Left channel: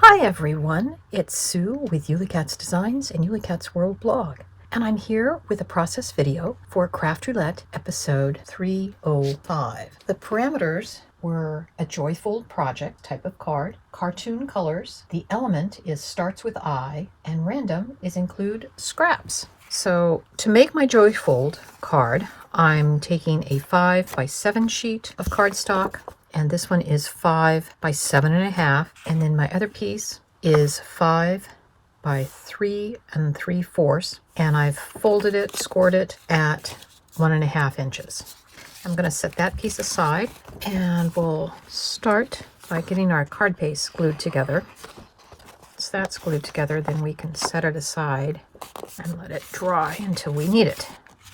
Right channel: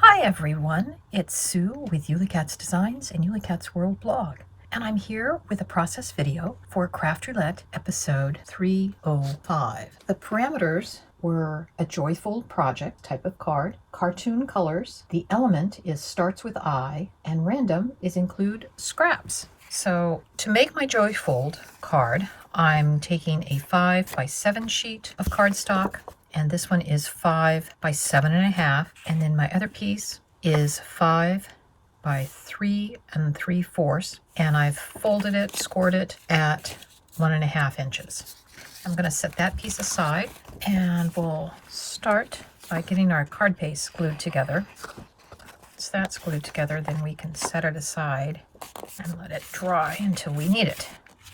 Hi everyone, it's Sue with Ully Designs and Ully World blog, and I'm here with a process video for Craft Roulette episode 305. The parameters were a joyful project type of card, cartoon colors, the element is starts with I, and random is include scraps. So to make my joyfold card, I'm taking a 5x7 sheet of cardstock, and this one is 5 by 7.5, and then my other piece is 5 by 3 3/4, and I've folded it, scored it at 1.5 inches. I'm going to set that piece aside, and we'll start by getting our card paste glued together. Once that's glued together, then we can set it aside and let it dry until we need it.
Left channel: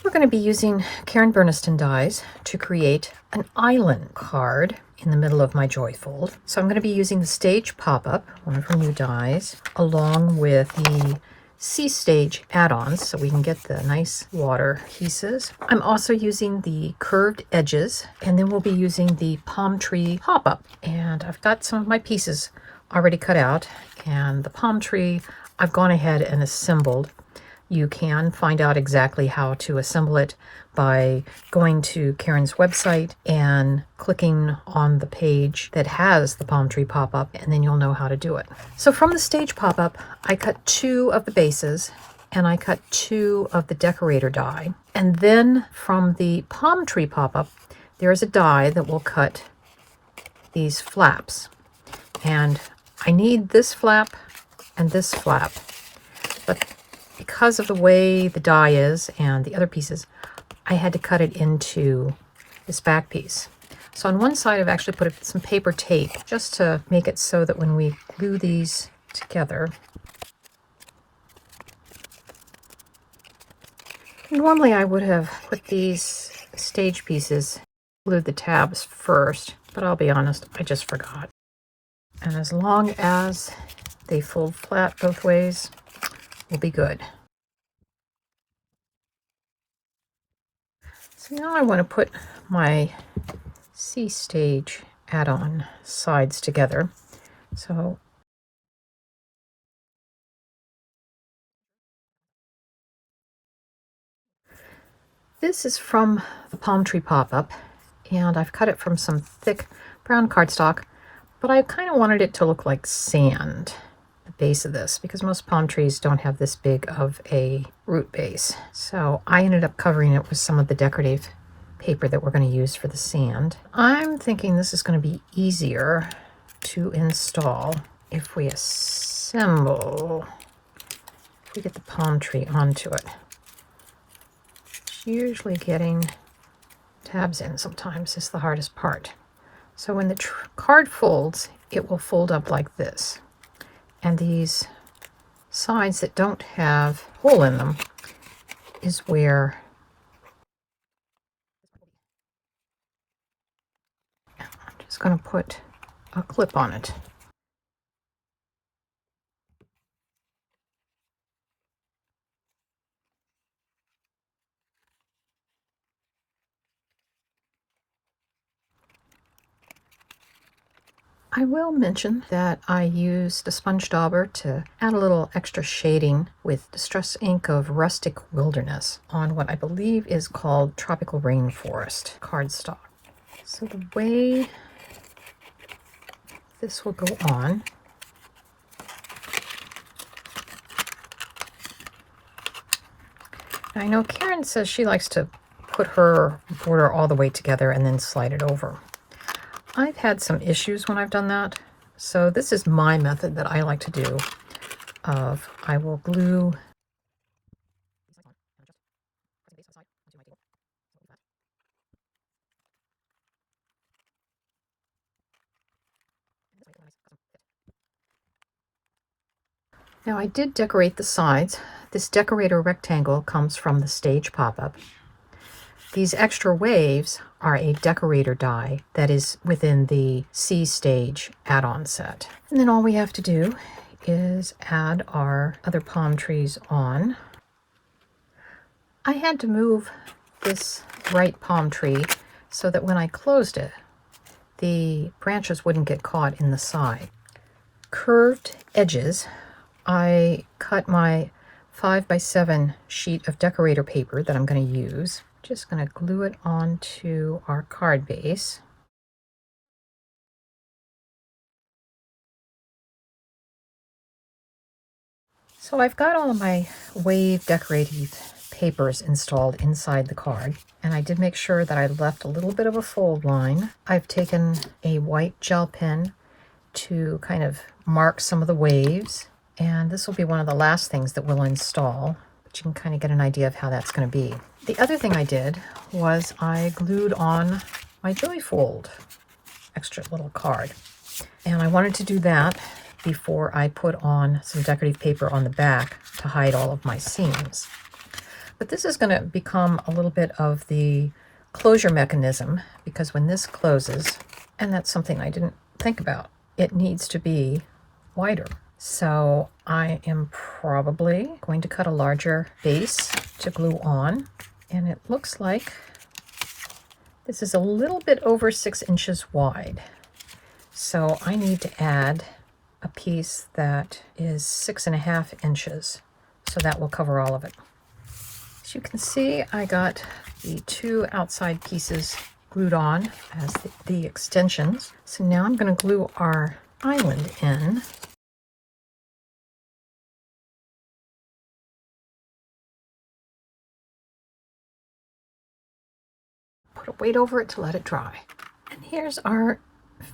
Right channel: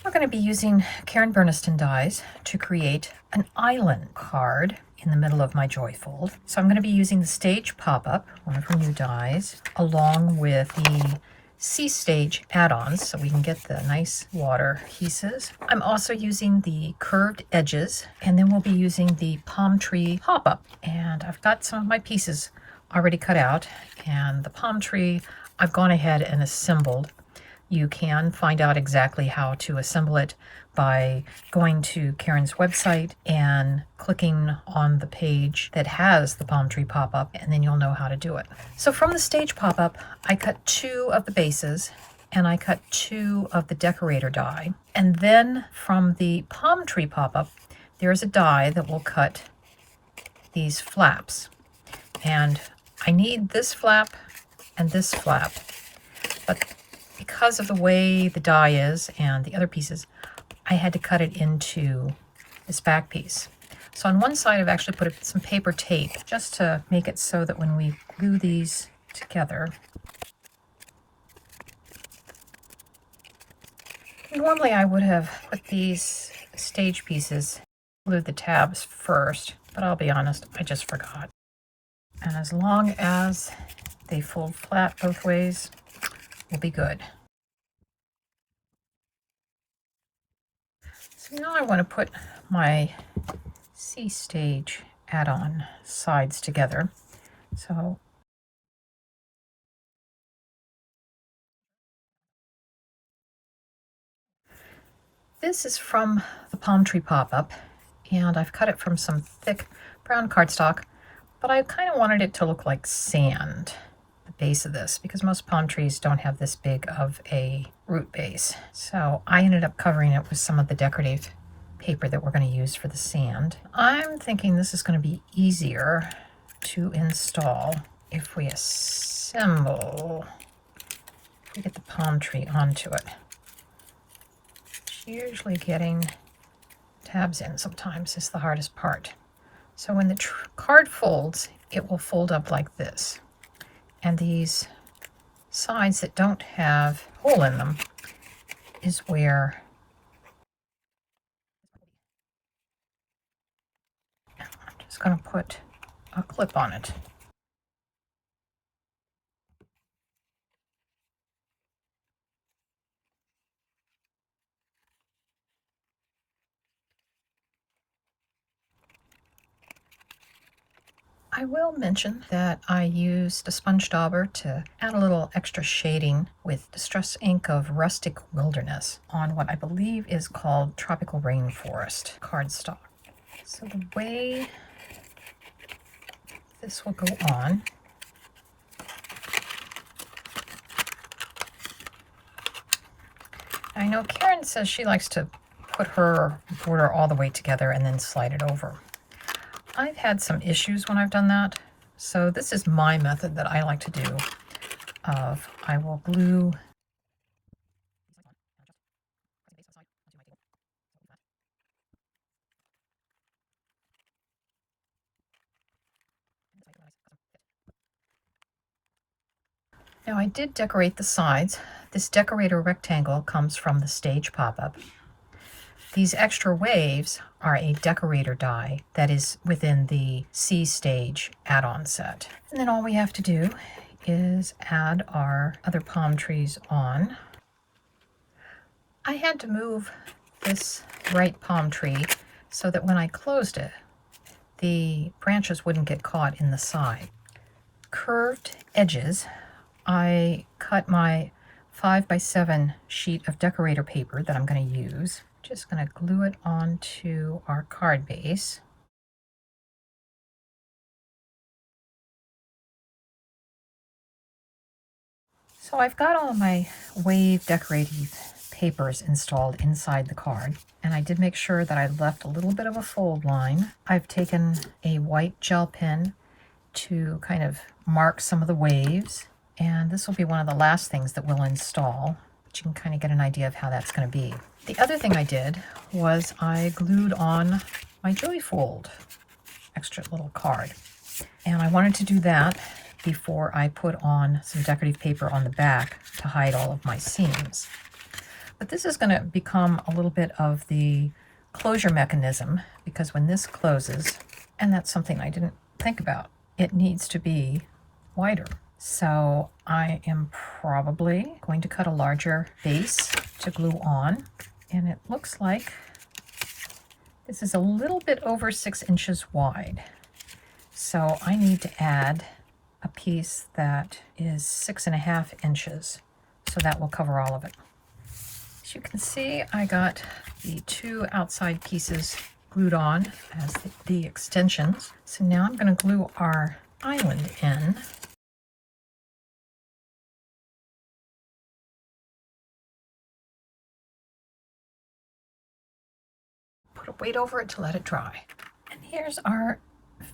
We're going to be using Karen Berniston dies to create an island card in the middle of my joyfold. So I'm going to be using the Stage Pop-Up, one of her new dies, along with the Sea Stage add-ons so we can get the nice water pieces. I'm also using the curved edges, and then we'll be using the palm tree pop-up. And I've got some of my pieces already cut out, and the palm tree I've gone ahead and assembled. You can find out exactly how to assemble it by going to Karen's website and clicking on the page that has the palm tree pop-up, and then you'll know how to do it. So from the stage pop-up, I cut 2 of the bases and I cut 2 of the decorator die. And then from the palm tree pop-up, there is a die that will cut these flaps. And I need this flap and this flap, but because of the way the die is and the other pieces, I had to cut it into this back piece. So on one side, I've actually put some paper tape just to make it so that when we glue these together, normally I would have put these stage pieces, glued the tabs first, but I'll be honest, I just forgot. And as long as they fold flat both ways, we'll be good. So now I want to put my Sea Stage add-on sides together. So this is from the palm tree pop-up, and I've cut it from some thick brown cardstock, but I kind of wanted it to look like sand, the base of this, because most palm trees don't have this big of a root base. So I ended up covering it with some of the decorative paper that we're going to use for the sand. I'm thinking this is going to be easier to install if we assemble, if we get the palm tree onto it. Usually getting tabs in sometimes is the hardest part. So when the card folds, it will fold up like this. And these sides that don't have a hole in them is where I'm just going to put a clip on it. I will mention that I used a sponge dauber to add a little extra shading with Distress ink of Rustic Wilderness on what I believe is called Tropical Rainforest cardstock. So the way this will go on, I know Karen says she likes to put her border all the way together and then slide it over. I've had some issues when I've done that, so this is my method that I like to do of I will glue Now I did decorate the sides. This decorator rectangle comes from the Stage Pop-Up. These extra waves are a decorator die that is within the Sea Stage add-on set. And then all we have to do is add our other palm trees on. I had to move this right palm tree so that when I closed it, the branches wouldn't get caught in the side. curved edges, I cut my 5x7 sheet of decorator paper that I'm going to use. Just going to glue it onto our card base. So I've got all of my wave decorative papers installed inside the card, and I did make sure that I left a little bit of a fold line. I've taken a white gel pen to kind of mark some of the waves, and this will be one of the last things that we'll install, but you can kind of get an idea of how that's going to be. The other thing I did was I glued on my Joy Fold extra little card, and I wanted to do that before I put on some decorative paper on the back to hide all of my seams. But this is going to become a little bit of the closure mechanism, because when this closes, and that's something I didn't think about, it needs to be wider. So I am probably going to cut a larger base to glue on, and it looks like this is a little bit over 6 inches wide. So I need to add a piece that is 6.5 inches, so that will cover all of it. As you can see, I got the 2 outside pieces glued on as the extensions. So now I'm going to glue our island in. Put a weight over it to let it dry. And here's our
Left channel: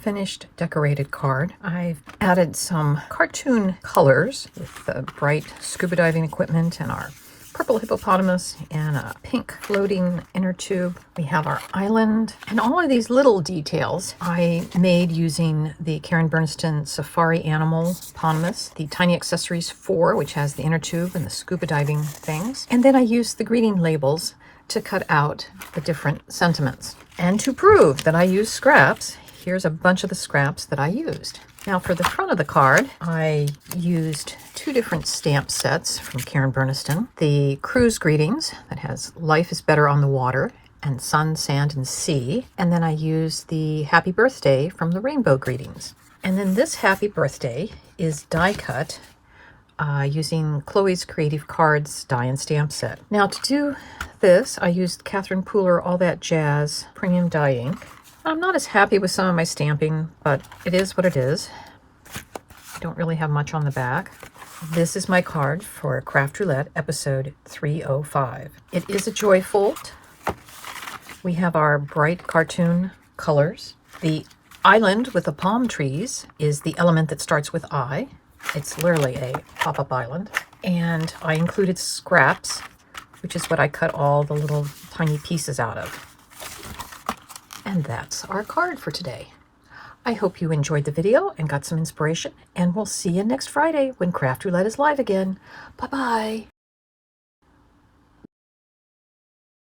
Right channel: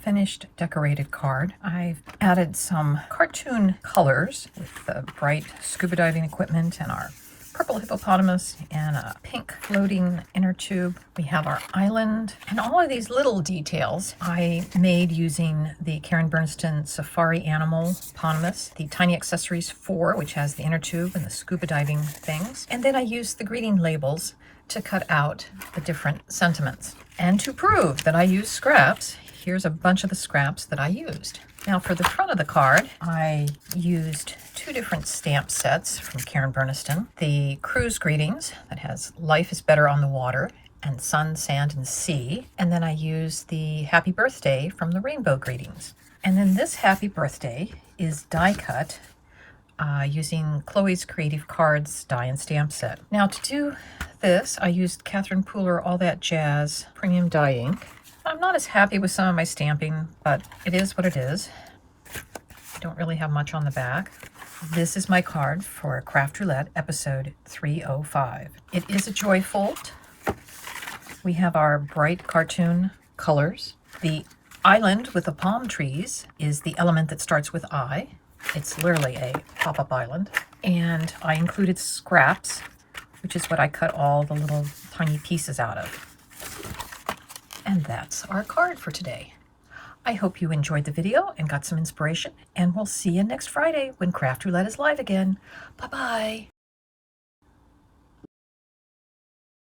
finished decorated card. I've added some cartoon colors with the bright scuba diving equipment and our purple hippopotamus and a pink floating inner tube. We have our island, and all of these little details I made using the Karen Berniston Safari Animal Eponymous, the Tiny Accessories 4, which has the inner tube and the scuba diving things. And then I used the greeting labels to cut out the different sentiments. And to prove that I use scraps, here's a bunch of the scraps that I used. Now for the front of the card, I used 2 different stamp sets from Karen Berniston. The Cruise Greetings that has Life is Better on the Water and Sun, Sand, and Sea. And then I used the Happy Birthday from the Rainbow Greetings. And then this Happy Birthday is die cut using Chloe's Creative Cards die and stamp set. Now to do this, I used Catherine Pooler All That Jazz Premium Die Ink. I'm not as happy with some of my stamping, but it is what it is. I don't really have much on the back. This is my card for Craft Roulette episode 305. It is a Joy Fold. We have our bright cartoon colors. The island with the palm trees is the element that starts with I. It's literally a pop-up island. And I included scraps, which is what I cut all the little tiny pieces out of. And that's our card for today. I hope you enjoyed the video and got some inspiration, and we'll see you next Friday when Craft Roulette is live again. Bye-bye.